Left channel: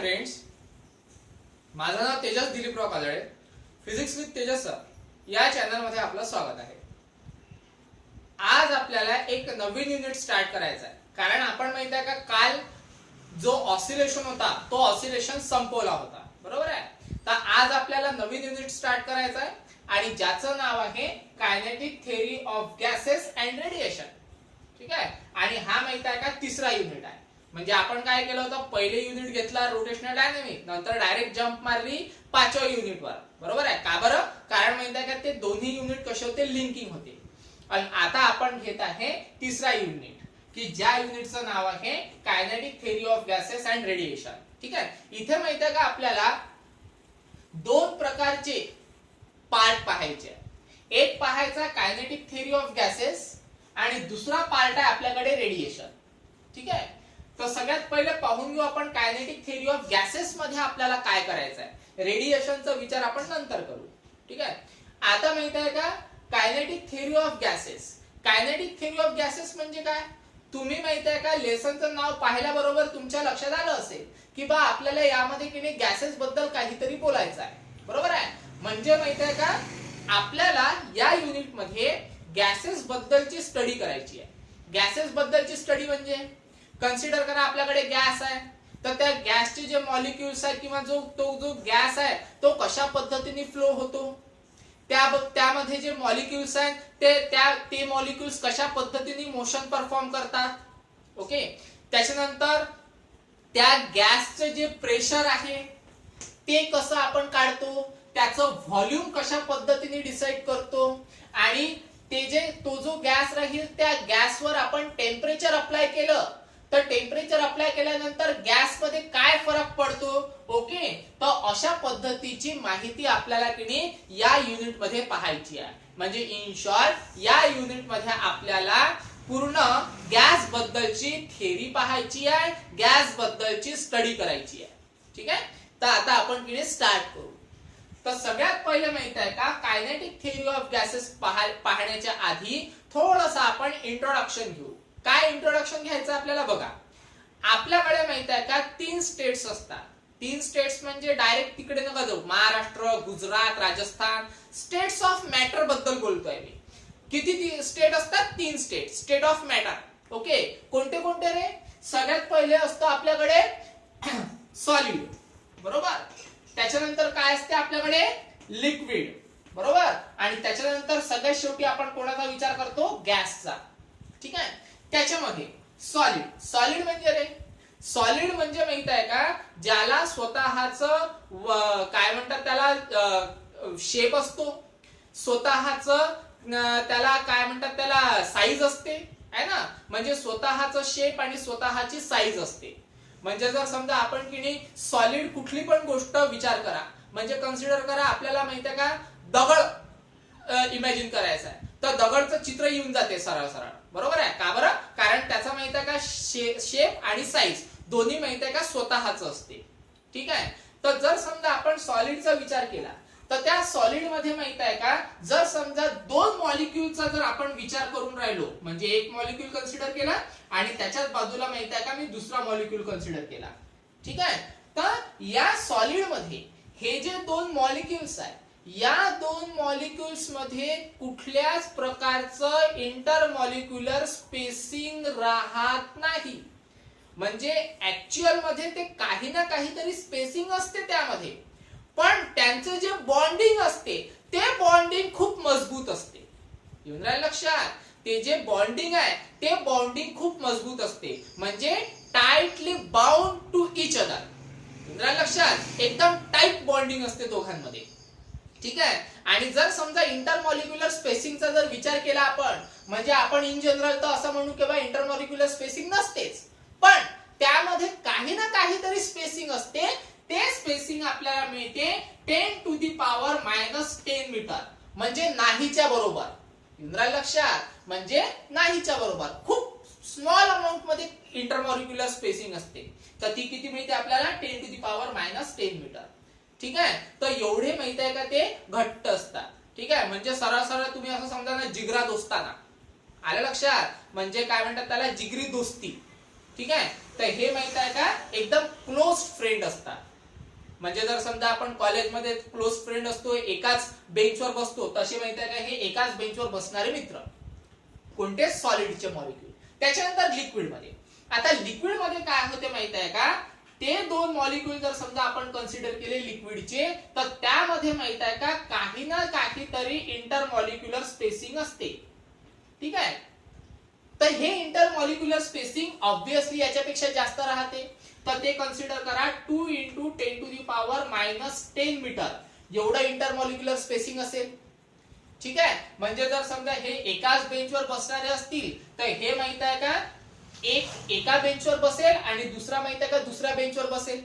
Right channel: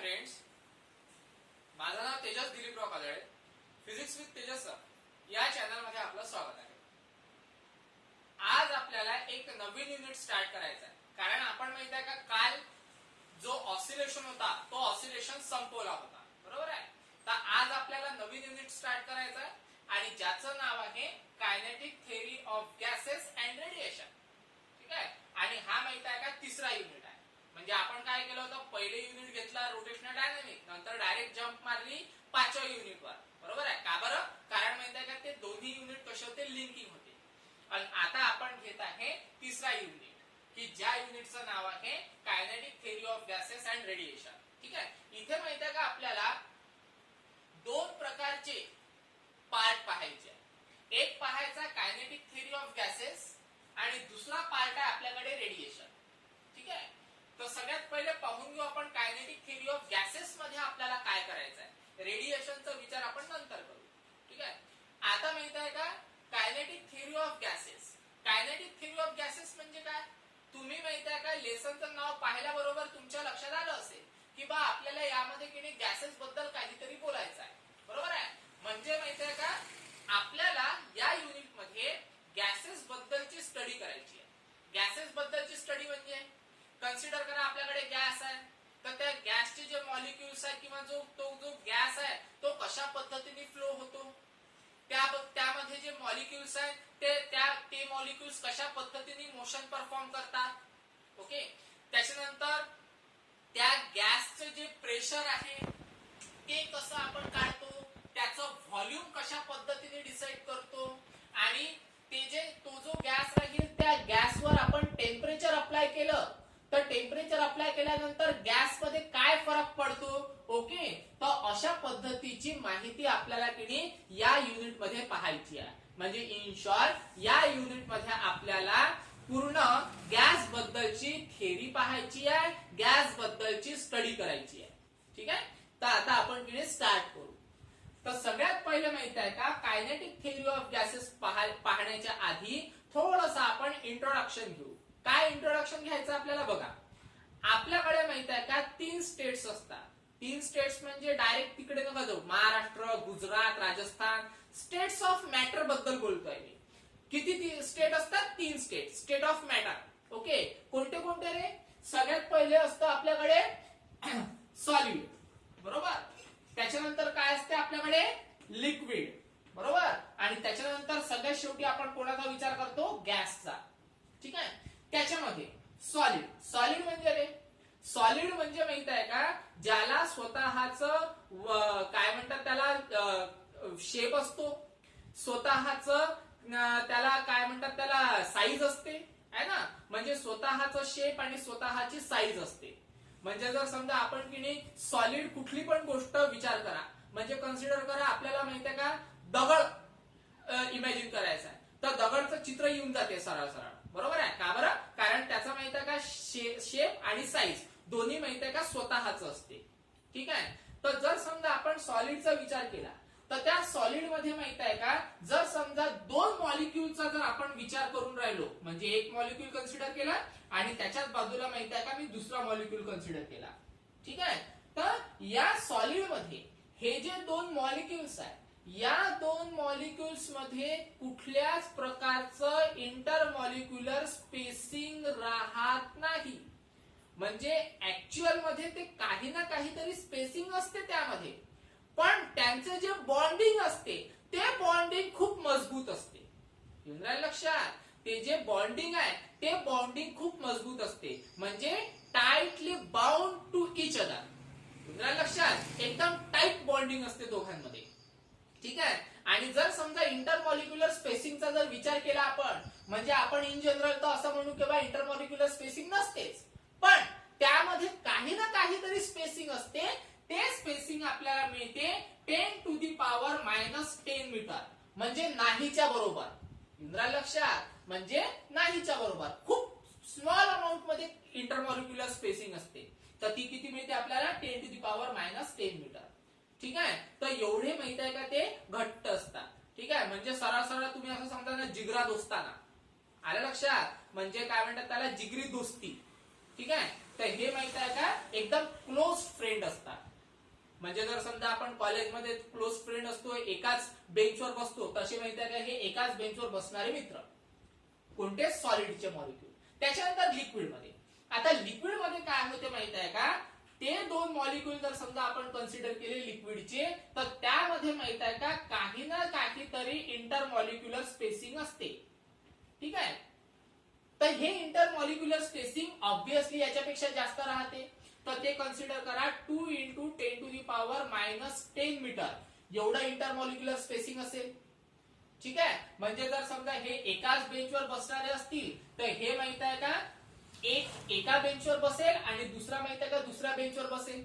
Friends, माझं नाव Tejas Diliprao Kajale. Physics with Tejas sir या चॅनलमध्ये आपलं स्वागत आहे. आज आपल्याला एक नवीन युनिट स्टार्ट करायचं आहे, कारण आपण माहित आहे का काल जो ऑसिलेशन होता तो ऑसिलेशन संपवला होता, बरोबर आहे. तर आज आपल्याला नवीन युनिट स्टार्ट करायचं आहे आणि ज्याचं नाव आहे kinetic theory of gases and radiation. ठीक आहे. आणि हा माहित आहे का तिसरा युनिट आहे. म्हणजे आपण काय केलं होतं, पहिले युनिट घेतला रोटेशनल डायनॅमिक, नंतर डायरेक्ट जंप मारली 5व्या युनिटवर, बरोबर आहे का. बरं, कारण माहित आहे का ते दोन्ही युनिट कसे होते, लिंकिंग होते. आणि आता आपण घेत आहे तिसरा युनिट, की ज्या युनिटचं नाव आहे kinetic theory of gases and radiation. ठीक आहे. इथे माहित आहे का आपल्याला दोन प्रकारचे पार्ट पाहायचे. एक पाहायचा कायनेटिक थेअरी ऑफ गॅसेस आणि दुसरा पार्ट आहे आपल्याकडे रेडिएशन. ठीक आहे. तर सगळ्यात पहिले पाहून घेऊ आपण कायनेटिक थेअरी ऑफ गॅसेस मध्ये आपल्याला काय करायचं आहे. रेडिएशनचा विचार आपण नंतर करू. ठीक आहे. आता माहित आहे का kinetic theory of gases. Kinetic theory of gases म्हणजे काय, तुम्ही माहित आहे का लेसनचं नाव पाहिल्याबरोबर तुमच्या लक्षात आलं असेल की बा आपल्याला यामध्ये की नाही गॅसेस बद्दल काहीतरी बोलायचं आहे, बरोबर आहे. म्हणजे माहित आहे का आपल्याला या युनिट मध्ये गॅसेस बद्दलची स्टडी करायची आहे. गॅसेस बद्दलची स्टडी म्हणजे कन्सिडर करा आपल्याकडे गॅस आहे, तर त्या गॅसचे जे मॉलिक्युल्स आहे किंवा जो गॅस आहे तो कशा पद्धतीने फ्लो होतो, त्यामध्ये जे मॉलिक्युल्स आहेत ते मॉलिक्युल्स कशा पद्धतीने मोशन परफॉर्म करतात. ओके. त्याच्यानंतर त्या गॅसचं जे प्रेशर आहे ते कसं आपण काढतो, त्याचं व्हॉल्यूम कशा पद्धतीने डिसाइड करतो, आणि तो जो गॅस राहील त्या गॅसवर आपण टेम्परेचर अप्लाय केलं तर टेम्परेचर अप्लाय केल्यानंतर गॅस मध्ये काय फरक पडतो. ओके. तर अशा पद्धतीची माहिती आपल्याला की नाही या युनिट मध्ये पाहायची आहे. म्हणजे इन शॉर्ट या युनिट मध्ये आपल्याला पूर्ण गॅस बद्दलची थेअरी पाहायची आहे, गॅस बद्दलची स्टडी करायची आहे. ठीक आहे. तर आता आपण की नाही स्टार्ट करू. तर सगळ्यात पहिले माहित आहे का कायनेटिक थेअरी ऑफ गॅसेस पाहण्याच्या आधी थोडस आपण इंट्रोडक्शन घेऊ. काय इंट्रोडक्शन घ्यायचं आपल्याला बघा. आपल्याकडे माहित आहे का 3 स्टेट्स असतात. 3 स्टेट्स म्हणजे डायरेक्ट तिकडे नका जाऊ, Maharashtra, Gujarat, Rajasthan. States of matter बद्दल बोलतोय मी. किती स्टेट असतात, 3 state. State of matter. Okay. कोणते कोणते रे. सगळ्यात पहिले असतं आपल्याकडे सॉलिड, बरोबर. त्याच्यानंतर काय असते आपल्याकडे लिक्विड, बरोबर. आणि त्याच्यानंतर सगळ्यात शेवटी आपण कोणाचा विचार करतो, गॅसचा. ठीक आहे. त्याच्यामध्ये सॉलिड म्हणजे रे, सॉलिड म्हणजे माहित आहे का ज्याला स्वतःच काय म्हणतात त्याला शेप असतो, स्वतःच त्याला काय म्हणतात त्याला साईज असते, आहे ना. म्हणजे स्वतःच शेप आणि स्वतःची साईज असते. म्हणजे जर समजा आपण की नाही सॉलिड कुठली पण गोष्ट विचार करा, म्हणजे कन्सिडर करा आपल्याला माहित आहे का दगड इमॅजिन करायचा आहे, तर दगडचं चित्र येऊन जाते सरळ सरळ, बरोबर आहे का. बरं, कारण त्याचा माहित आहे का शेप आणि साईज दोन्ही माहित आहे का स्वतःच असते. ठीक आहे. तर जर समजा आपण सॉलिडचा विचार केला तर त्या सॉलिड मध्ये माहित आहे का जर समजा 2 मॉलिक्युलचा जर आपण विचार करून राहिलो, म्हणजे एक मॉलिक्यूल कन्सिडर केला आणि त्याच्याच बाजूला माहित आहे का मी दुसरा मॉलिक्यूल कन्सिडर केला. ठीक आहे. तर या सॉलिड मध्ये हे जे 2 मॉलिक्युल्स आहेत, या 2 मॉलिक्युल्स मध्ये कुठल्याच प्रकारचं इंटरमॉलिक्युलर स्पेसिंग राहत नाही. म्हणजे ऍक्च्युअल मध्ये ते काही ना काहीतरी स्पेसिंग असते त्यामध्ये, पण त्यांचं जे बॉन्डिंग असते ते बॉन्डिंग खूप मजबूत असते. येऊन राहिलं लक्षात. ते जे बॉन्डिंग आहे ते बॉन्डिंग खूप मजबूत असते, म्हणजे tightly bound to each other. येऊन राहिलं लक्षात. एकदम टाइट बॉन्डिंग असते दोघांमध्ये. ठीक आहे. आणि जर समजा इंटरमॉलिक्युलर स्पेसिंगचा जर विचार केला आपण, म्हणजे आपण इन जनरल तर असं म्हणू की बा इंटरमॉलिक्युलर स्पेसिंग नसतेच, पण त्यामध्ये काही ना काहीतरी स्पेसिंग असते. ते स्पेसिंग आपल्याला मिळते 10⁻⁻10 मीटर, म्हणजे नाहीच्या बरोबर. इंद्रायला लक्षात. म्हणजे नाहीच्या बरोबर खूप स्मॉल अमाउंट मध्ये इंटरमॉलिक्युलर स्पेसिंग असते. तर ती किती मिळते आपल्याला 10⁻⁻10 मीटर. ठीक आहे. तर एवढे माहित आहे का ते घट्ट असतात. ठीक आहे. म्हणजे सरळ सरळ तुम्ही असं समजा ना, जिगरा दोस्ताना. आलं लक्षात. म्हणजे काय म्हणतात त्याला, जिगरी दोस्ती. ठीक आहे. तर हे माहित आहे का एकदम क्लोज फ्रेंड असतात. म्हणजे जर समजा आपण कॉलेजमध्ये क्लोज फ्रेंड असतो, एकाच बेंचवर बसतो, तसे माहित आहे का हे एकाच बेंचवर बसणारे मित्र. कोणते? सॉलिडचे मॉलिक्यूल. त्याच्यानंतर लिक्विड मध्ये. आता लिक्विड मध्ये काय होते माहित आहे का, ते दोन मॉलिक्यूल जर समजा आपण कन्सिडर केले लिक्विडचे, तर त्यामध्ये माहित आहे का काही ना काहीतरी इंटरमॉलिक्युलर स्पेसिंग असते. ठीक आहे. तर हे इंटरमॉलिक्युलर स्पेसिंग ऑब्विसली याच्यापेक्षा जास्त राहते. तर ते कन्सिडर करा 2 × 10⁻⁻10 मीटर एवढं इंटरमॉलिक्युलर स्पेसिंग असेल. ठीक आहे. म्हणजे जर समजा हे एकाच बेंचवर बसणारे असतील, तर हे माहित आहे का एक एका बेंचवर बसेल आणि दुसरा माहित आहे का दुसऱ्या बेंचवर बसेल.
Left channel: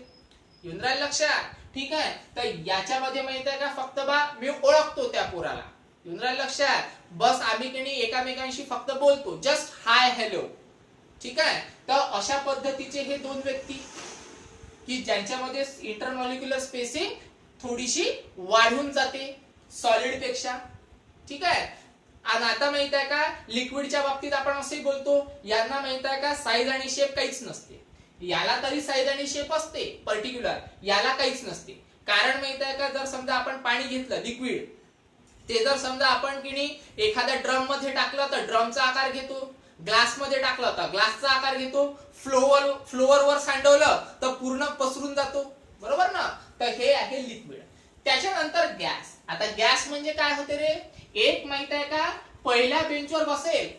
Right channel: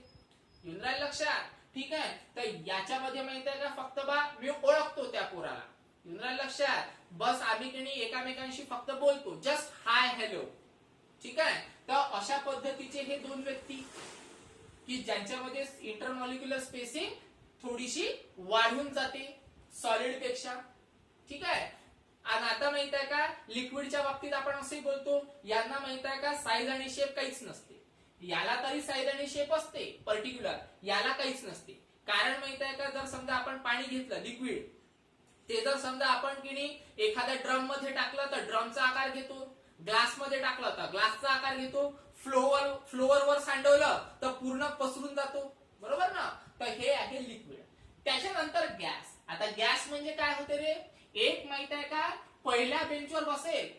येऊन राहील लक्षात. ठीक आहे. तर याच्यामध्ये माहित आहे का फक्त बा मी ओळखतो त्या पोराला. येऊन राहील लक्षात. बस आम्ही की नाही एकामेकांशी फक्त बोलतो, जस्ट हाय हॅलो. ठीक आहे. तर अशा पद्धतीचे हे दोन व्यक्ती की ज्यांच्यामध्ये इंटरमॉलिक्युलर स्पेसिंग थोडीशी वाढून जाते सॉलिड पेक्षा. ठीक आहे. आणि आता माहित आहे का लिक्विडच्या बाबतीत आपण असंही बोलतो, यांना माहित आहे का साईज आणि शेप काहीच नसते. याला तरी साईज आणि शेप असते पर्टिक्युलर, याला काहीच नसते. कारण माहित आहे का जर समजा आपण पाणी घेतलं लिक्विड, ते जर समजा आपण की नाही एखाद्या ड्रम मध्ये टाकलं तर ड्रमचा आकार घेतो, ग्लास मध्ये टाकलं तर ग्लासचा आकार घेतो, फ्लोअरवर सांडवलं तर पूर्ण पसरून जातो. बरोबर ना. तर हे आहे लिक्विड. त्याच्यानंतर गॅस. आता गॅस म्हणजे काय होते रे, एक माहित आहे का पहिल्या बेंचवर बसेल,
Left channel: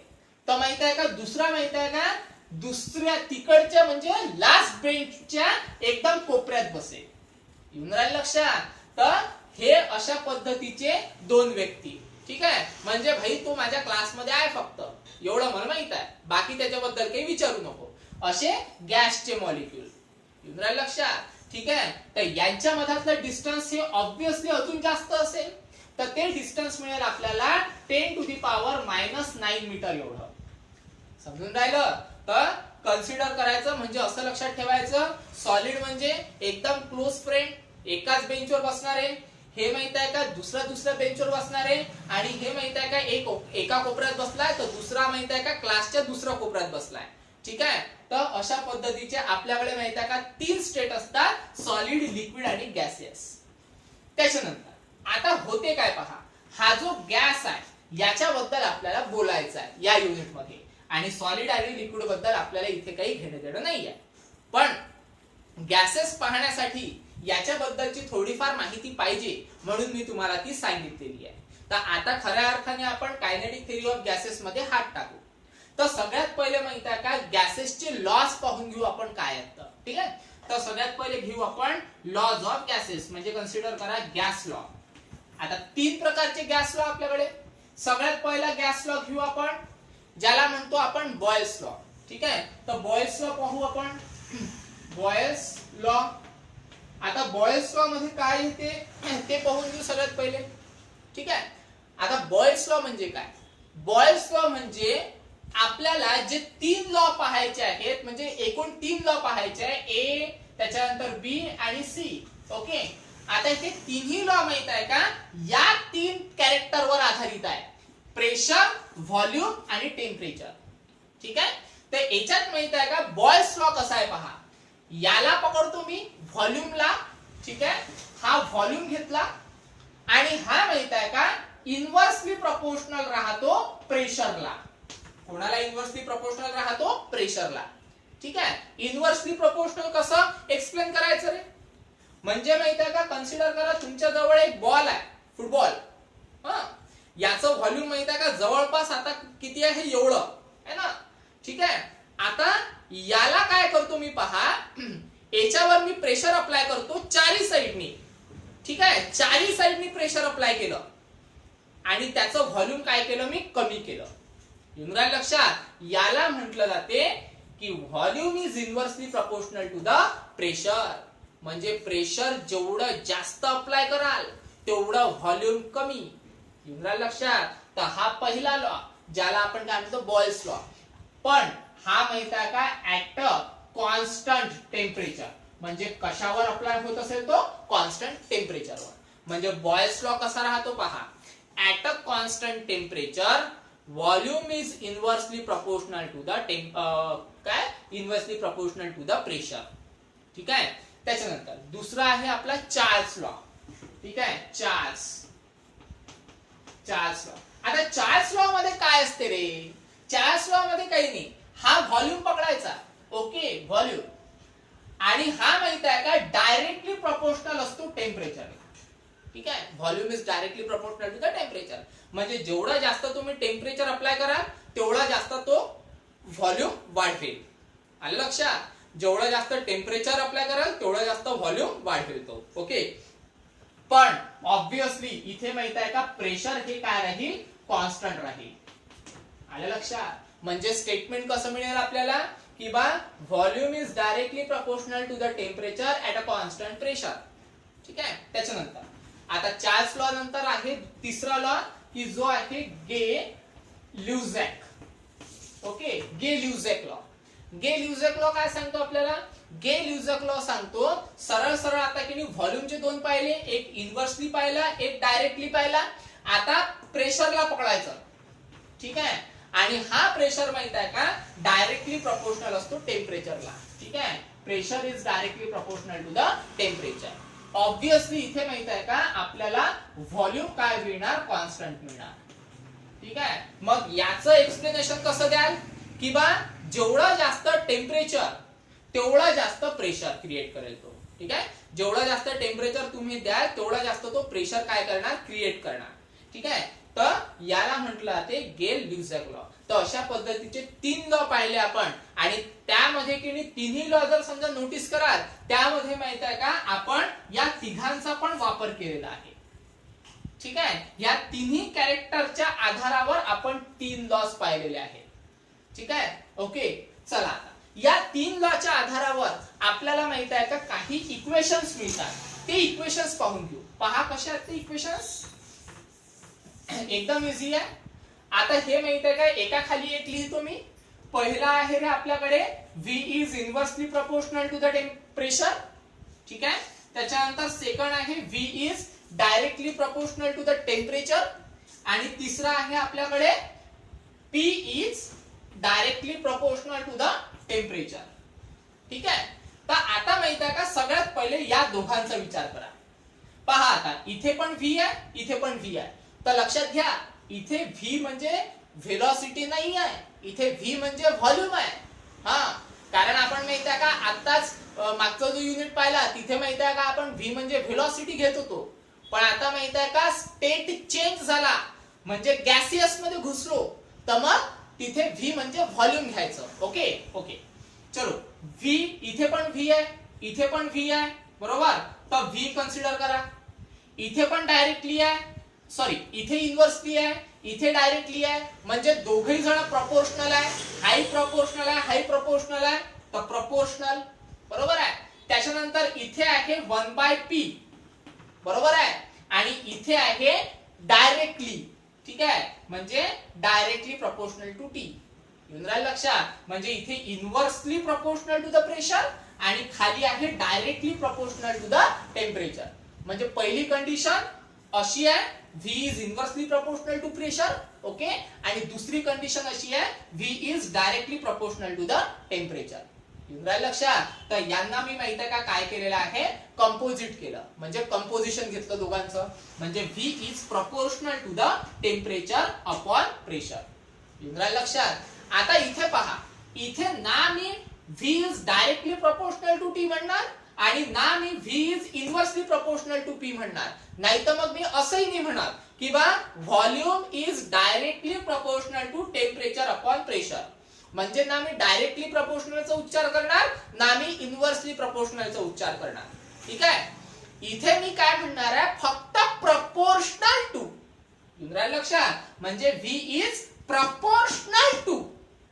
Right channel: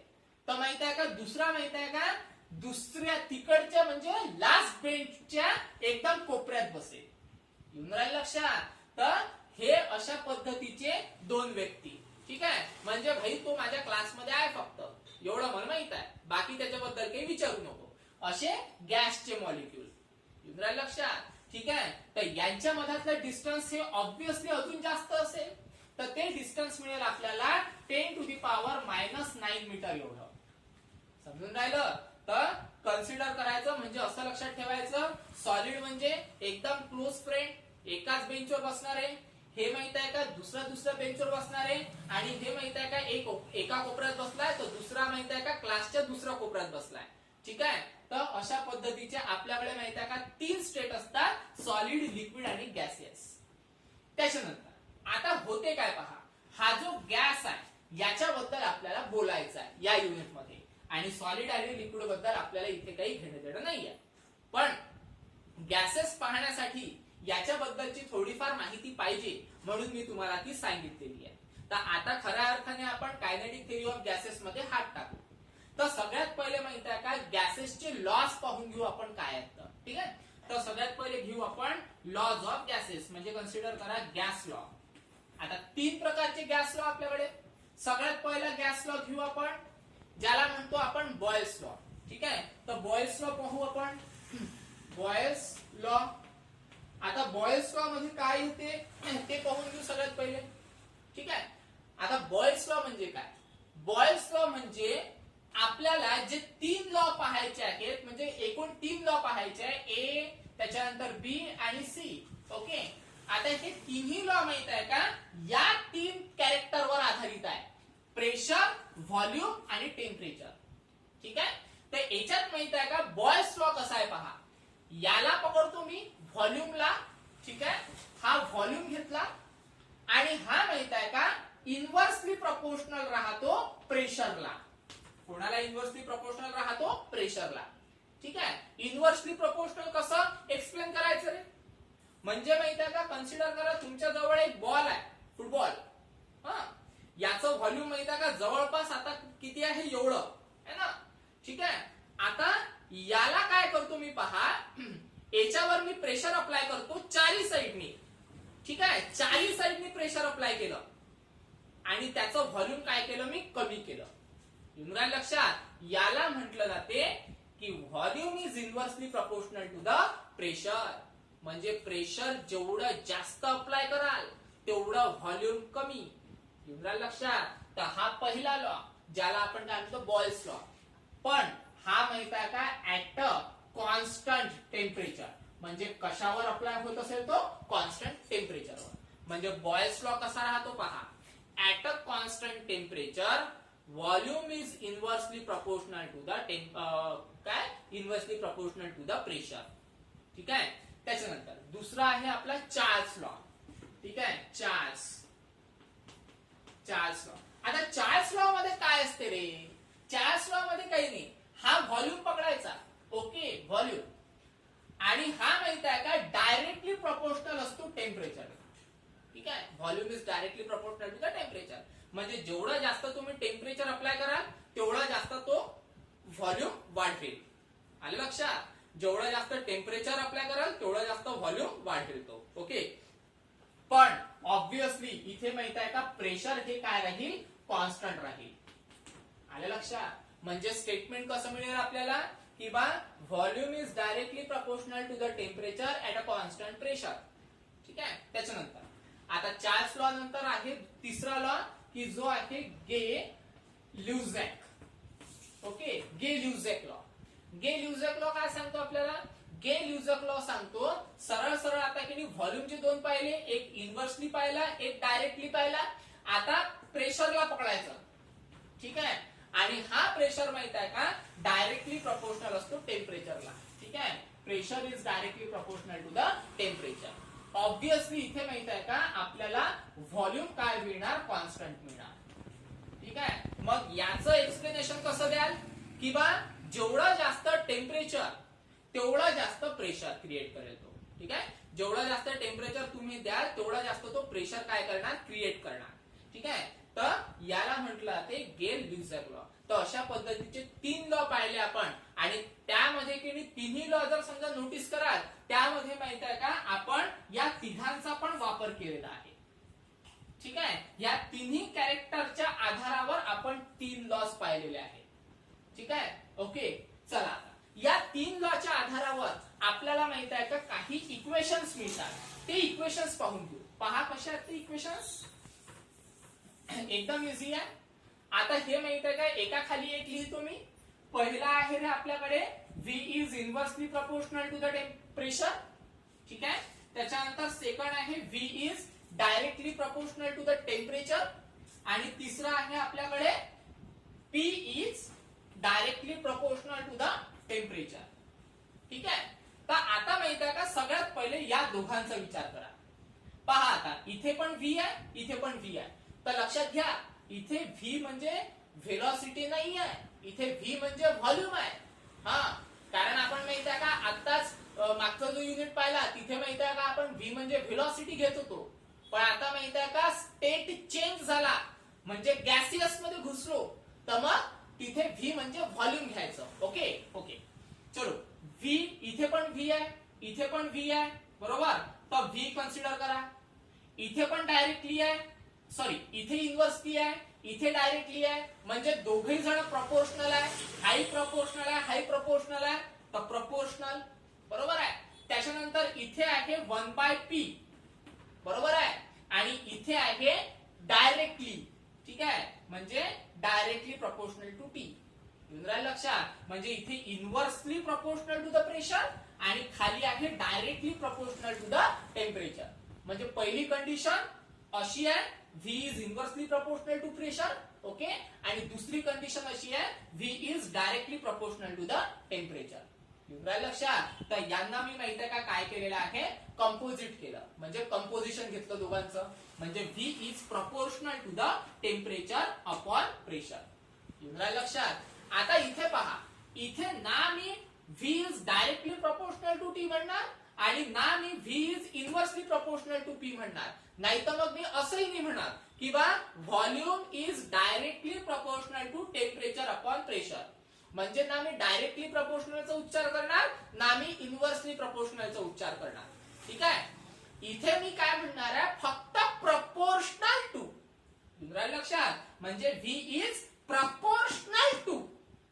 तर माहित आहे का दुसरा माहित आहे का दुसऱ्या तिकडच्या म्हणजे लास्ट बेंचच्या एकदम कोपऱ्यात बसेल. येऊन राहील लक्षात. तर हे अशा पद्धतीचे दोन व्यक्ती. ठीक आहे. म्हणजे भाई तो माझ्या क्लासमध्ये आहे फक्त एवढं मला माहित आहे, बाकी त्याच्याबद्दल काही विचारू नको. असे गॅसचे मॉलिक्यूल. येऊन राहील लक्षात. ठीक आहे. तर यांच्या मधातलं डिस्टन्स हे ऑब्विसली अजून जास्त असेल, तर ते डिस्टन्स मिळेल आपल्याला 10⁻⁹ मीटर एवढं. समजून राहिलं. तर कन्सिडर करायचं म्हणजे असं लक्षात ठेवायचं, सॉलिड म्हणजे एकदम क्लोज फ्रेंड, एकाच बेंचवर बसणारे. हे माहित आहे का दुसऱ्या बेंचवर बसणारे. आणि हे माहित आहे का एका कोपऱ्यात बसलाय तर दुसरा माहित आहे का क्लासच्या दुसऱ्या कोपऱ्यात बसलाय. ठीक आहे. तर अशा पद्धतीचे आपल्याकडे माहित आहे का 3 स्टेट असतात, सॉलिड, लिक्विड आणि गॅसेस. त्याच्यानंतर आता होते काय पहा, हा जो गॅस आहे याच्याबद्दल आपल्याला बोलायचं आहे या युनिट मध्ये, आणि सॉलिड आणि लिक्विड बद्दल आपल्याला इथे काही घेणं देणं नाहीये. पण गॅसेस पाहण्यासाठी याच्याबद्दलची थोडीफार माहिती पाहिजे म्हणून मी तुम्हाला ती सांगितलेली आहे. तर आता खऱ्या अर्थाने आपण कायनेटिक थेअरी ऑफ गॅसेस मध्ये हात टाकू. तर सगळ्यात पहिले माहित आहे का गॅसेसचे लॉज पाहून घेऊ आपण काय आहेत. ठीक आहे. तर सगळ्यात पहिले घेऊ आपण लॉज ऑफ गॅसेस, म्हणजे कन्सिडर करा गॅस लॉ. आता 3 प्रकारचे गॅस लॉ आपल्याकडे. सगळ्यात पहिला गॅस लॉ घेऊ आपण ज्याला म्हणतो आपण बॉयल्स लॉ. ठीक आहे. तर बॉयल्स लॉ पाहू आपण. Boyle's law. आता बॉयल्स लॉ मध्ये काय येते ते पाहून घेऊ सगळ्यात पहिले. ठीक आहे. आता बॉयल्स लॉ म्हणजे काय, बॉयल्स लॉ म्हणजे आपल्याला जे 3 लॉ पाहायचे आहेत, म्हणजे एकूण 3 लॉ पाहायचे आहे, ए त्याच्यानंतर बी आणि सी. ओके. आता हे तिन्ही लॉ माहित आहे का या 3 कॅरेक्टरवर आधारित आहे, प्रेशर, व्हॉल्यूम आणि टेम्परेचर. ठीक आहे. तर याच्यात माहित आहे का बॉयल्स लॉ कसा आहे पहा, याला पकडतो मी व्हॉल्यूमला. ठीक आहे. हा व्हॉल्यूम घेतला आणि हा माहित आहे का इन्व्हर्सली प्रपोर्शनल राहतो प्रेशरला. कोणाला इन्व्हर्सली प्रपोर्शनल राहतो? प्रेशरला. ठीक आहे. इन्व्हर्सली प्रपोर्शनल कसं एक्सप्लेन करायचं रे, म्हणजे माहित आहे का कन्सिडर करा तुमच्या जवळ एक बॉल आहे, फुटबॉल. याचं व्हॉल्यूम माहित आहे का जवळपास आता किती आहे एवढं आहे ना. ठीक आहे. आता याला काय करतो मी पहा, याच्यावर मी प्रेशर अप्लाय करतो चारी साईडनी. ठीक आहे. चारी साईडनी प्रेशर अप्लाय केलं आणि त्याचं व्हॉल्यूम काय केलं मी कमी केलं. येऊन राहिलं लक्षात. याला म्हटलं जाते की volume is inversely proportional to the pressure. म्हणजे प्रेशर जेवढं जास्त अप्लाय कराल तेवढं व्हॉल्यूम कमी. येऊन राहिलं लक्षात. तर हा पहिला लॉ ज्याला आपण काय म्हणतो बॉयल्स लॉ. पण हा माहित आहे का ऍट अ कॉन्स्टंट टेम्परेचर, म्हणजे कशावर अप्लाय होत असेल तो कॉन्स्टंट टेम्परेचरवर. म्हणजे बॉयल्स लॉ कसा राहतो पहा, at a constant temperature volume is inversely proportional to the काय inversely proportional to the pressure. ठीक आहे. त्याच्यानंतर दुसरा आहे आपला चार्ल्स लॉ. ठीक आहे. Charles law. आता चार्ल्स लॉ मध्ये काय असते रे? चार्ल्स लॉ मध्ये काही नाही, हा व्हॉल्यूम पकडायचा. Okay, volume. आणि हा माहित आहे का डायरेक्टली प्रपोर्शनल असतो टेम्परेचर. ठीक आहे. Volume is directly proportional to the temperature. म्हणजे जेवढा जास्त तुम्ही टेम्परेचर अप्लाय कराल तेवढा जास्त तो व्हॉल्यूम वाढवेल. आलं लक्षात? जेवढा जास्त टेम्परेचर अप्लाय कराल तेवढा जास्त व्हॉल्यूम वाढवेल तो. ओके. पण ऑब्विसली इथे माहित आहे का प्रेशर हे काय राहील? कॉन्स्टंट राहील. आलं लक्षात? म्हणजे स्टेटमेंट कसं मिळेल आपल्याला की बा volume is directly proportional to the temperature at a constant pressure. ठीक आहे. त्याच्यानंतर आता चार्ल्स लॉ नंतर आहे तिसरा लॉ की जो आहे Gay Lussac. Okay, Gay Lussac law. Gay Lussac law काय सांगतो आपल्याला? गे-ल्युझॅक लॉ सांगतो सरळ सरळ आता की व्हॉल्यूमचे दोन पाहिले, एक इनव्हर्सली पाहिला, एक डायरेक्टली पाहिला. आता प्रेशरला पकडायचं. ठीक आहे. आणि हा प्रेशर माहित आहे का डायरेक्टली प्रपोर्शनल असतो टेम्परेचरला. ठीक आहे. Pressure is directly proportional to the temperature. Obviously इथे माहित आहे का आपल्याला व्हॉल्यूम काय मिळणार? कॉन्स्टंट मिळणार. ठीक आहे. मग याचं एक्सप्लेनेशन कसं द्याल की बा जेवढा जास्त टेम्परेचर तेवढा जास्त प्रेशर क्रिएट करेल तो. ठीक आहे. जेवढा जास्त टेम्परेचर तुम्ही द्याल तेवढा जास्त तो प्रेशर काय करणार? क्रिएट करणार. ठीक आहे. तर याला म्हटलं जाते गे-ल्युझॅक लॉ. तर अशा पद्धतीचे 3 लॉ पाहिले आपण. आणि त्यामध्ये की तिन्ही लॉ जर समजा नोटीस कराल त्यामध्ये माहित आहे का आपण या तिघांचा पण वापर केलेला आहे. ठीक आहे. या तिन्ही कॅरेक्टरच्या आधारावर आपण 3 लॉज पाहिलेले आहेत. ठीक आहे. ओके. चला आता या 3 लॉच्या आधारावर आपल्याला माहित आहे का काही इक्वेशन्स मिळतात. ते इक्वेशन्स पाहून घेऊ. पहा कशा आहेत ते इक्वेशन्स. एकदम इझी आहे. आता हे माहित आहे का एका खाली एक लिहितो मी. पहिला आहे रे आपल्याकडे V is inversely proportional to the temperature. ठीक आहे. त्याच्यानंतर सेकंड आहे V is directly proportional to the temperature. आणि तिसरा आहे आपल्याकडे P is directly proportional to the temperature. ठीक आहे. तर आता माहित आहे का सगळ्यात पहिले या दोघांचा विचार करा. पहा आता इथे पण V आहे, इथे पण V आहे. तर लक्षात घ्या इथे V म्हणजे व्हेलॉसिटी नाही आहे, इथे V म्हणजे व्हॉल्यूम आहे. हा, कारण आपण माहित आहे का आताच मागचा जो युनिट पाहिला तिथे माहित आहे का आपण V म्हणजे व्हेलॉसिटी घेत होतो. पण आता माहित आहे का स्टेट चेंज झाला म्हणजे गॅसियस मध्ये घुसलो तर मग तिथे V म्हणजे व्हॉल्यूम घ्यायचं. ओके. ओके. चलो V इथे पण V आहे, इथे पण V आहे. बरोबर. तर V कन्सिडर करा. इथे पण डायरेक्टली आहे, सॉरी इथे इनव्हर्सली आहे, इथे डायरेक्टली आहे. म्हणजे दोघही जण प्रपोर्शनल आहे. हाई प्रपोर्शनल आहे, हाई प्रपोर्शनल आहे. तर प्रपोर्शनल. बरोबर आहे. त्याच्यानंतर इथे आहे 1/P. बरोबर आहे. आणि इथे आहे डायरेक्टली. ठीक आहे. म्हणजे डायरेक्टली प्रपोर्शनल टू T. येऊन राहिलं लक्षात? म्हणजे इथे inversely proportional to the pressure आणि खाली आहे directly proportional to the temperature. म्हणजे पहिली कंडिशन अशी आहे V is inversely proportional to pressure. Okay. आणि दुसरी कंडिशन अशी आहे V is directly proportional to the temperature. येऊन राहिलं लक्षात? तर यांना मी माहित आहे का काय केलेलं आहे? कंपोजिट केलं. म्हणजे कंपोजिशन घेतलं दोघांचं. म्हणजे V is proportional to the temperature upon pressure. येऊन राहिलं लक्षात? आता इथे पहा, इथे ना मी V is directly proportional to T म्हणणार आणि ना मी V is inversely proportional to P म्हणणार. नाही तर मग मी असंही नाही म्हणणार की बा volume is directly proportional to temperature upon pressure. म्हणजे ना मी डायरेक्टली प्रपोर्शनलचा उच्चार करणार ना मी इनव्हर्सली प्रपोर्शनलचा उच्चार करणार. ठीक आहे. इथे मी काय म्हणणार आहे फक्त प्रपोर्शनल टू. येऊन राहिलं लक्षात? म्हणजे V is proportional to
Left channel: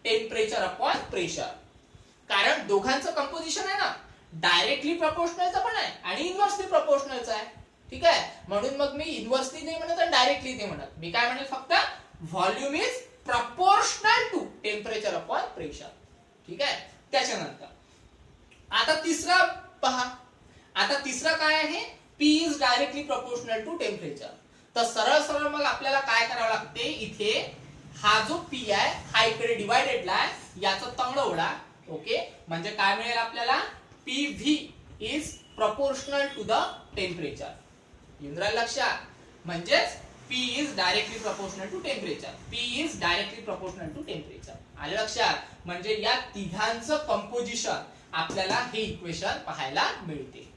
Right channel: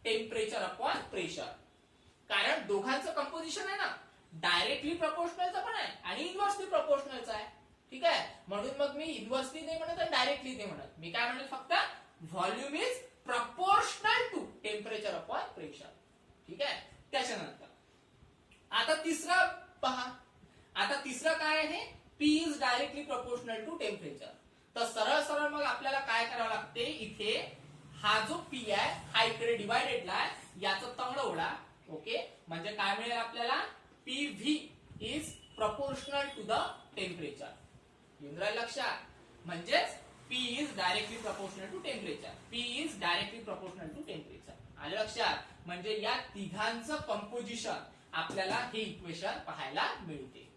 temperature upon pressure. कारण दोघांचं कंपोजिशन आहे ना, डायरेक्टली प्रपोर्शनलचं पण आहे आणि इनव्हर्सली प्रपोर्शनलचं आहे. ठीक आहे. म्हणून मग मी इनव्हर्सली नाही म्हणत आणि डायरेक्टली नाही म्हणत. मी काय म्हणेल फक्त volume is proportional to temperature upon pressure. ठीक आहे. त्याच्यानंतर आता तिसरा पहा. आता तिसरा काय आहे? P is directly proportional to temperature. तर सरळ सरळ मग आपल्याला काय करावं लागते? इथे हा जो P आहे हा इकडे डिवायडेडला आहे, याचा तंगड ओढा ओके, म्हणजे काय मिळेल आपल्याला, PV is proportional to the temperature. येऊन राहिलं लक्षात, म्हणजेच P is directly proportional to temperature. P is directly proportional to temperature. आले लक्षात, म्हणजे या तिघांचं कंपोजिशन आपल्याला हे इक्वेशन पाहायला मिळते.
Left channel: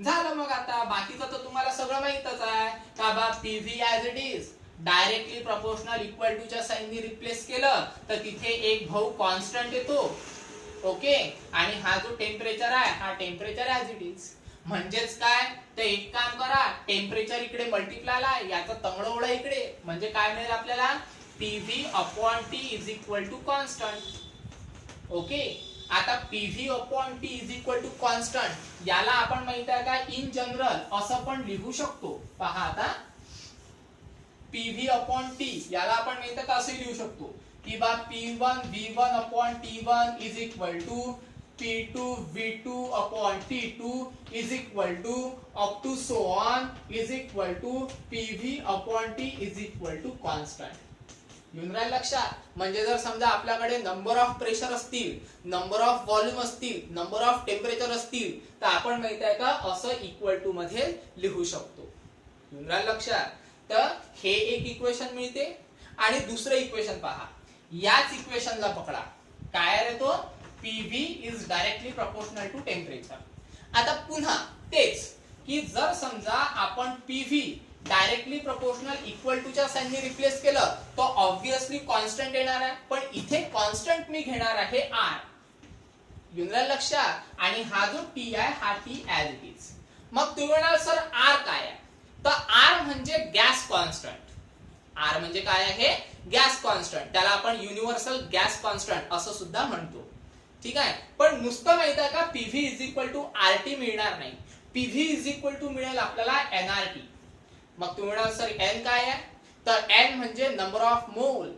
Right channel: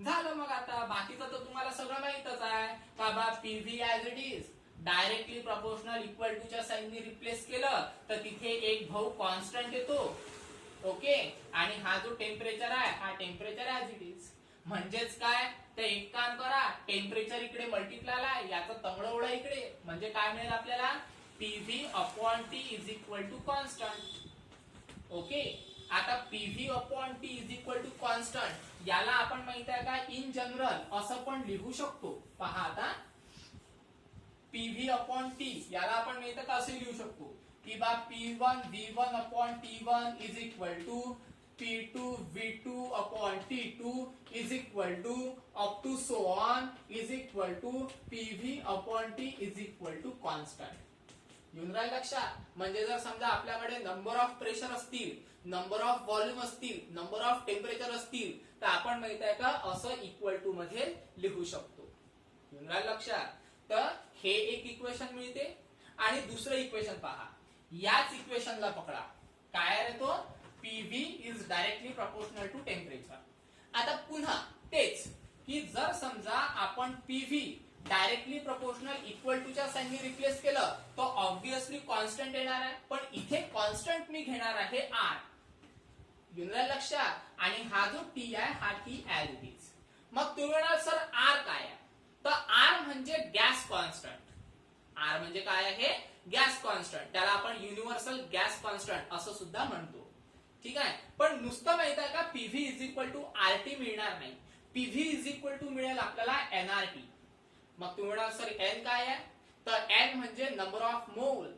झालं. मग आता बाकीचं तर तुम्हाला सगळं माहितच आहे का बा, PV as it is directly proportional equal to च्या साइननी रिप्लेस केलं तर तिथे एक भाऊ कॉन्स्टंट येतो. ओके, आणि हा जो टेम्परेचर आहे हा टेम्परेचर ऍज इट इज. म्हणजेच काय, तर एक काम करा, टेम्परेचर इकडे मल्टिप्लाय ला, याचं तंगडं इकडे, म्हणजे काय मिळेल आपल्याला, PV upon T is equal to constant. Okay, आता PV upon T is equal to constant, याला आपण माहित आहे का इन जनरल असं पण लिहू शकतो. पहा आता, PV अपॉन T याला आपण माहित आहे का असं लिहू शकतो की बा P1 V1 upon T1 is equal to P2 V2 upon T2 is equal to up to so on is equal to PV upon T is equal to constant. येऊन राहिलं लक्षात, म्हणजे जर समजा आपल्याकडे नंबर ऑफ प्रेशर असतील, number of volume असतील, number of temperature असतील, तर आपण माहित आहे का असं इक्वल टू मध्ये लिहू शकतो. येऊन राहिलं लक्षात, तर हे एक इक्वेशन मिळते. आणि दुसरं इक्वेशन पहा, याच इक्वेशनला पकडा, काय आहे तो, PV is directly proportional to temperature. आता पुन्हा तेच की जर समजा आपण PV directly proportional equal to च्या साइनने रिप्लेस केलं तर ऑब्विसली कॉन्स्टंट येणार आहे, पण इथे कॉन्स्टंट मी घेणार आहे R. येऊन राहिलं लक्षात, आणि हा जो T आहे हा T ऍज इट इज. मग तुम्ही म्हणाल सर R काय आहे, तर R म्हणजे गॅस कॉन्स्टंट. R म्हणजे काय आहे, गॅस कॉन्स्टंट. त्याला आपण युनिव्हर्सल गॅस कॉन्स्टंट असं सुद्धा म्हणतो. ठीक आहे, पण नुसतं माहित आहे का PV is equal to RT मिळणार नाही. PV इज इक्वल टू मिळेल आपल्याला nRT. मग तुम्ही म्हणाल सर N काय आहे, तर N म्हणजे नंबर ऑफ मोल.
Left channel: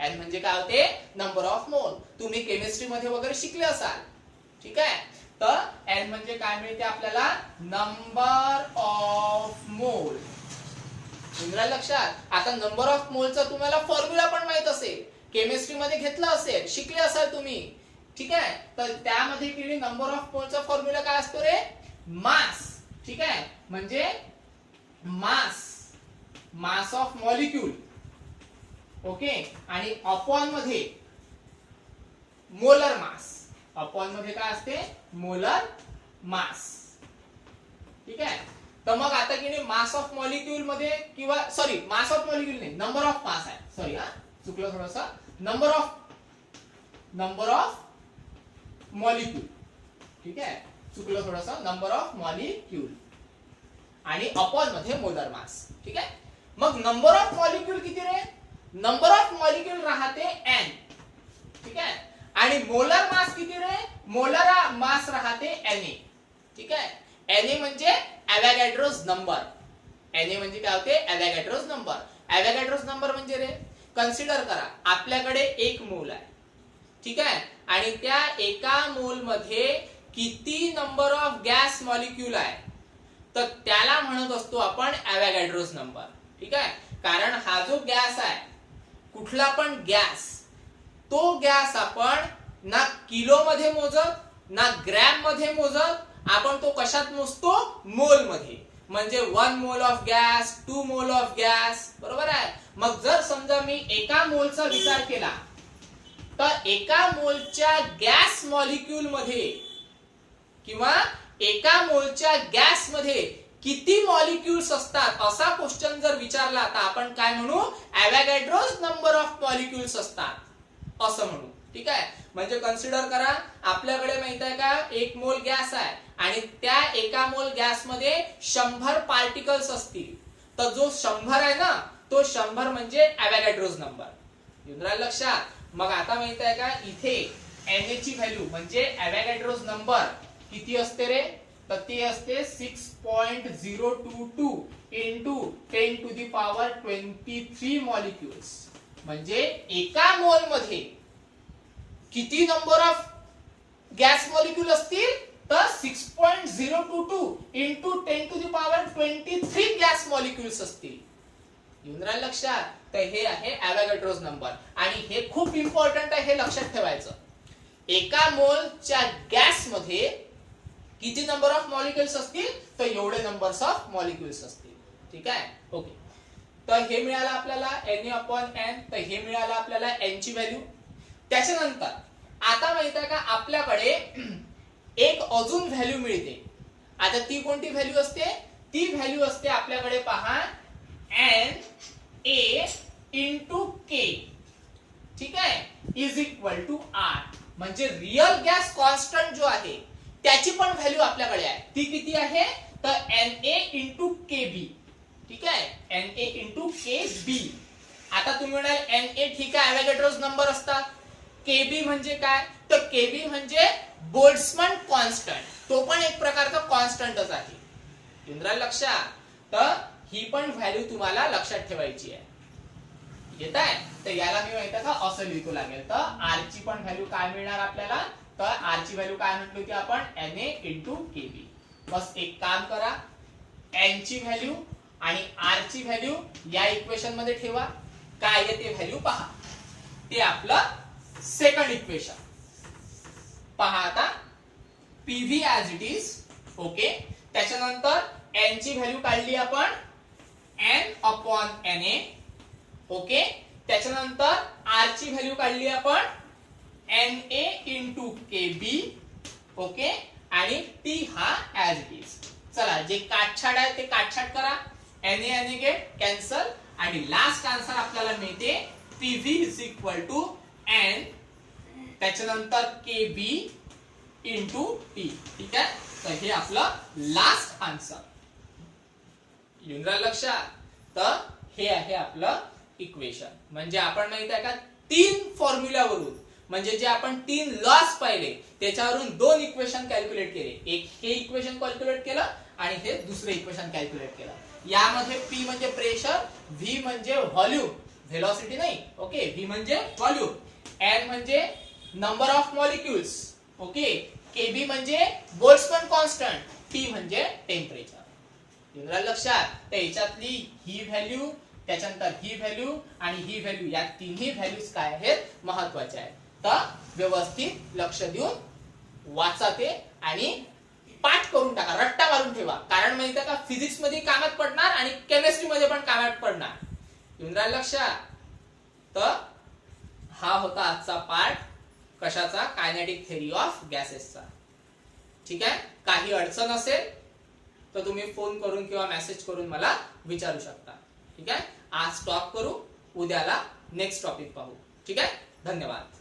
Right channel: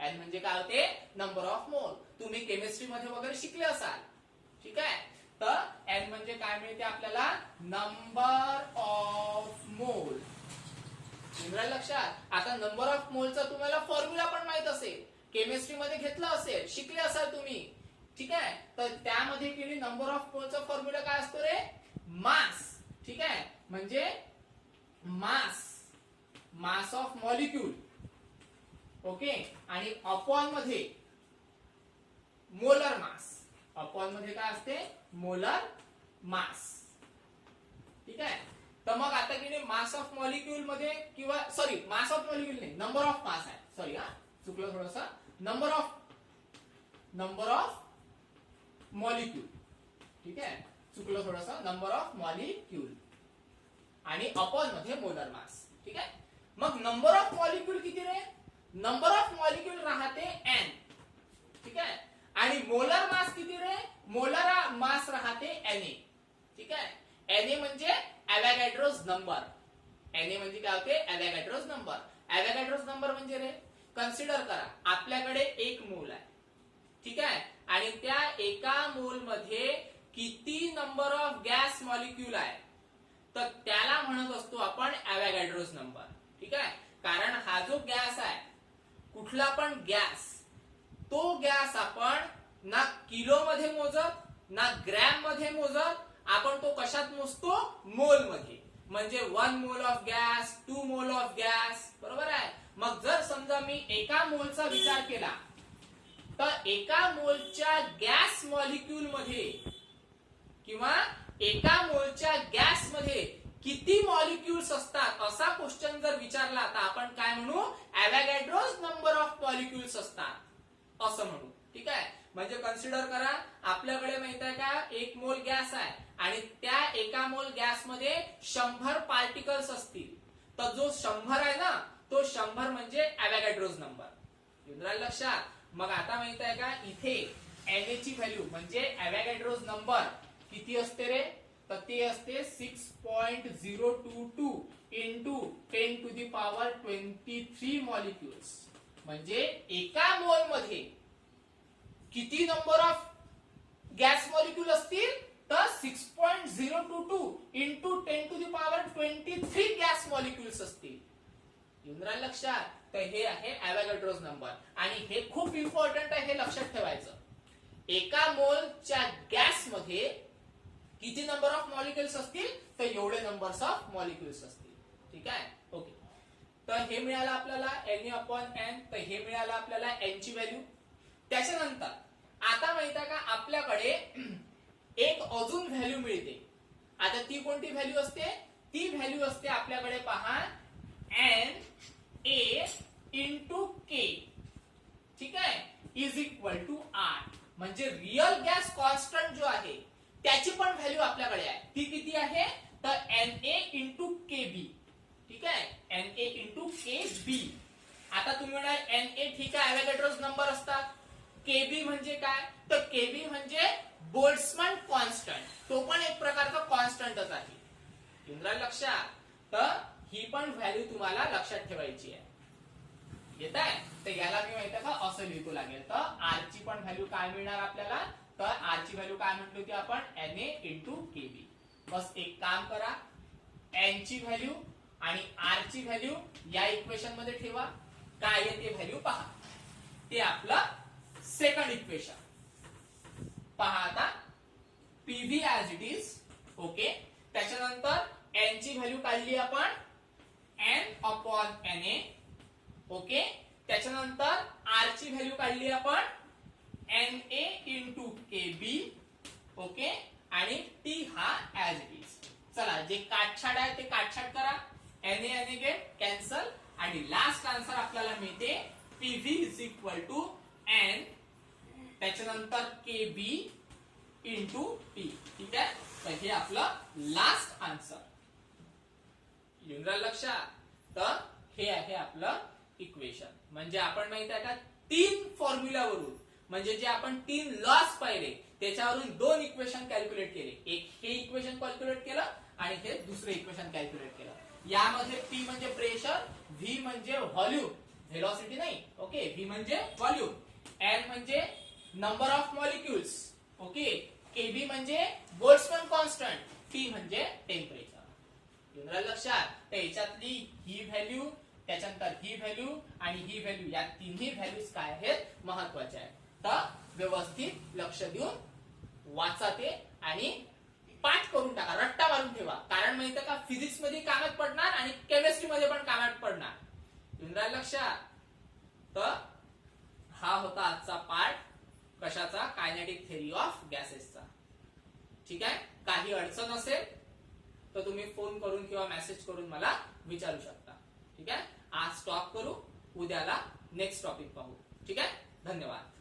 N म्हणजे काय होते, नंबर ऑफ मोल. तुम्ही केमिस्ट्री मध्ये वगैरे शिकले असाल. ठीक आहे, तर N म्हणजे काय मिळते आपल्याला, नंबर ऑफ मोल. लक्षात, आता नंबर ऑफ मोलचा तुम्हाला फॉर्म्युला पण माहित असेल, केमिस्ट्री मध्ये घेतला असेल, शिकले असाल तुम्ही. ठीक आहे, तर त्यामध्ये किती नंबर ऑफ मोलचा फॉर्म्युला काय असतो रे, मास. ठीक आहे, म्हणजे मास ऑफ मॉलिक्यूल. ओके, आणि अपॉन मध्ये मोलर मास. अपॉन मध्ये काय असते, मोलर मास. ठीक आहे, तर मग आता की नाही मास ऑफ मॉलिक्यूल मध्ये, किंवा सॉरी मास ऑफ मॉलिक्यूल नाही, नंबर ऑफ मास आहे. सॉरी हा चुकलं थोडस, नंबर ऑफ मॉलिक्यूल. ठीक आहे, चुकलं थोडस, नंबर ऑफ मॉलिक्यूल आणि अपॉन मध्ये मोलर मास. ठीक आहे, मग नंबर ऑफ मॉलिक्यूल किती रे, नंबर ऑफ मॉलिक्यूल राहते n. ठीक आहे, आणि मोलर मास किती रे, मोलर मास राहते Na. ठीक आहे, Na म्हणजे अवोगॅड्रोस नंबर. Na म्हणजे काय होते, अवोगॅड्रोस नंबर. अवोगॅड्रोस नंबर म्हणजे रे, कन्सिडर करा आपल्याकडे एक मोल आहे. ठीक आहे, आणि त्या एका मोल मध्ये किती नंबर ऑफ गॅस मॉलिक्यूल आहे, तर त्याला म्हणत असतो आपण अवोगॅड्रोस नंबर. ठीक आहे, कारण हा जो गॅस आहे, कुठला पण गॅस, तो गॅस आपण ना किलो मध्ये मोजत ना ग्रॅम मध्ये मोजत, आपण तो कशात मोजतो, मोल मध्ये. म्हणजे 1 mole of gas, 2 mole of gas. बरोबर आहे. मग जर समजा मी एका मोलचा विचार केला, तर एका मोलच्या गॅस मॉलिक्यूल मध्ये किंवा एका मोलच्या गॅस मध्ये किती मॉलिक्यूल्स असतात असा क्वेश्चन जर विचारला तर आपण काय म्हणू, अवोगॅड्रोस नंबर ऑफ मॉलिक्यूल्स असतात असं म्हणू. ठीक आहे, म्हणजे कन्सिडर करा आपल्याकडे माहित आहे का एक मोल गॅस आहे आणि त्या एका मोल गॅस मध्ये 100 पार्टिकल्स असतील, तर जो 100 आहे ना तो 100 म्हणजे अवोगॅड्रोस नंबर. येऊन राहिलं लक्षात. मग आता माहित आहे का इथे Na ची व्हॅल्यू म्हणजे अवोगॅड्रोस नंबर किती असते रे, तर ते असते 6.022 into 10 to the power 23 molecules. म्हणजे एका मोल मध्ये किती नंबर ऑफ गॅस मॉलिक्यूल असतील, तर 6.022 into 10 to the power 23 gas molecules असतील. येऊन राहिलं लक्षात. तर हे आहे अवोगॅड्रोस नंबर, आणि हे खूप इम्पॉर्टंट आहे, हे लक्षात ठेवायचं. एका मोलच्या गॅसमध्ये किती नंबर ऑफ मॉलिक्युल्स असतील, तर एवढे नंबर्स ऑफ मॉलिक्युल्स असतील. ठीक आहे, ओके. तर हे मिळालं आपल्याला Na/n. तर हे मिळालं आपल्याला n ची व्हॅल्यू. त्याच्यानंतर आता माहित आहे का आपल्याकडे एक अजून व्हॅल्यू मिळते. आता ती कोणती व्हॅल्यू असते, ती व्हॅल्यू असते आपल्याकडे पहा Na इंटू के. ठीक आहे, इज इक्वल टू R. म्हणजे रिअल गॅस कॉन्स्टंट जो आहे त्याची पण व्हॅल्यू आपल्याकडे आहे. ती किती आहे, तर Na इंटू केबी. ठीक आहे, Na इंटू केबी. आता तुम्ही म्हणाल Na ठीक आहे, ॲव्होगॅड्रोज नंबर असतात. केबी म्हणजे काय, तर केबी म्हणजे बोल्ट्झमॅन कॉन्स्टंट. तो पण एक प्रकारचा कॉन्स्टंटच आहे. तुमच्या लक्षात, तर ही पण व्हॅल्यू तुम्हाला लक्षात ठेवायची आहे. येत आहे, तर याला मी माहिती का असं लिहितो लागेल. तर आर ची पण व्हॅल्यू काय मिळणार आपल्याला, तर आर ची व्हॅल्यू काय म्हटली होती आपण, Na इंटू केबी. बस एक काम करा, n ची व्हॅल्यू आणि आर ची व्हॅल्यू या इक्वेशन मध्ये ठेवा. काय आहे ते व्हॅल्यू पहा. ते आपलं सेकंड इक्वेशन पहा. आता PV as it is. Okay, त्याच्यानंतर n ची व्हॅल्यू काढली आपण n/Na. ओके, त्याच्यानंतर R ची व्हॅल्यू काढली आपण Na इंटू केबी. ओके, आणि टी हा ऍज इट इज. चला, जे काटछाट आहे ते काटछाट करा. Na गेट कॅन्सल आणि लास्ट आन्सर आपल्याला मिळते PV is equal to n त्याच्यानंतर केबी इंटू टी. ठीक आहे, तर हे आपलं लास्ट आन्सर. येऊन राहिलं लक्षात. तर हे आहे आपलं इक्वेशन. म्हणजे आपण माहित आहे का 3 फॉर्म्युलावरून, म्हणजे जे आपण 3 लॉस पाहिले त्याच्यावरून 2 इक्वेशन कॅल्क्युलेट केले. एक हे इक्वेशन कॅल्क्युलेट केलं आणि हे दुसरे इक्वेशन कॅल्क्युलेट केलं. यामध्ये P म्हणजे प्रेशर, V म्हणजे व्हॉल्यूम, व्हेलॉसिटी नाही. ओके, V म्हणजे व्हॉल्यूम, N म्हणजे number of molecules. Okay, Kb म्हणजे बोल्ट्झमॅन कॉन्स्टंट, T म्हणजे टेम्परेचर. लक्षात, तर याच्यातली ही व्हॅल्यू, त्याच्यानंतर ही व्हॅल्यू आणि ही व्हॅल्यू, या तिन्ही व्हॅल्यूज काय आहेत महत्वाच्या आहेत. तर व्यवस्थित लक्ष देऊन वाचा ते आणि पाठ करून टाका, रट्टा मारून ठेवा. कारण माहिती आहे का फिजिक्स मध्ये कामात पडणार आणि केमिस्ट्री मध्ये पण कामात पडणार. येऊन राहिलं लक्षात. तर हा होता आजचा पार्ट कशाचा, कायनेटिक थेअरी ऑफ गॅसेसचा. ठीक आहे, काही अडचण असेल तर तुम्ही फोन करून किंवा मेसेज करून मला विचारू शकता. ठीक आहे, आज स्टॉप करू, उद्याला नेक्स्ट टॉपिक पाहू. ठीक आहे, धन्यवाद.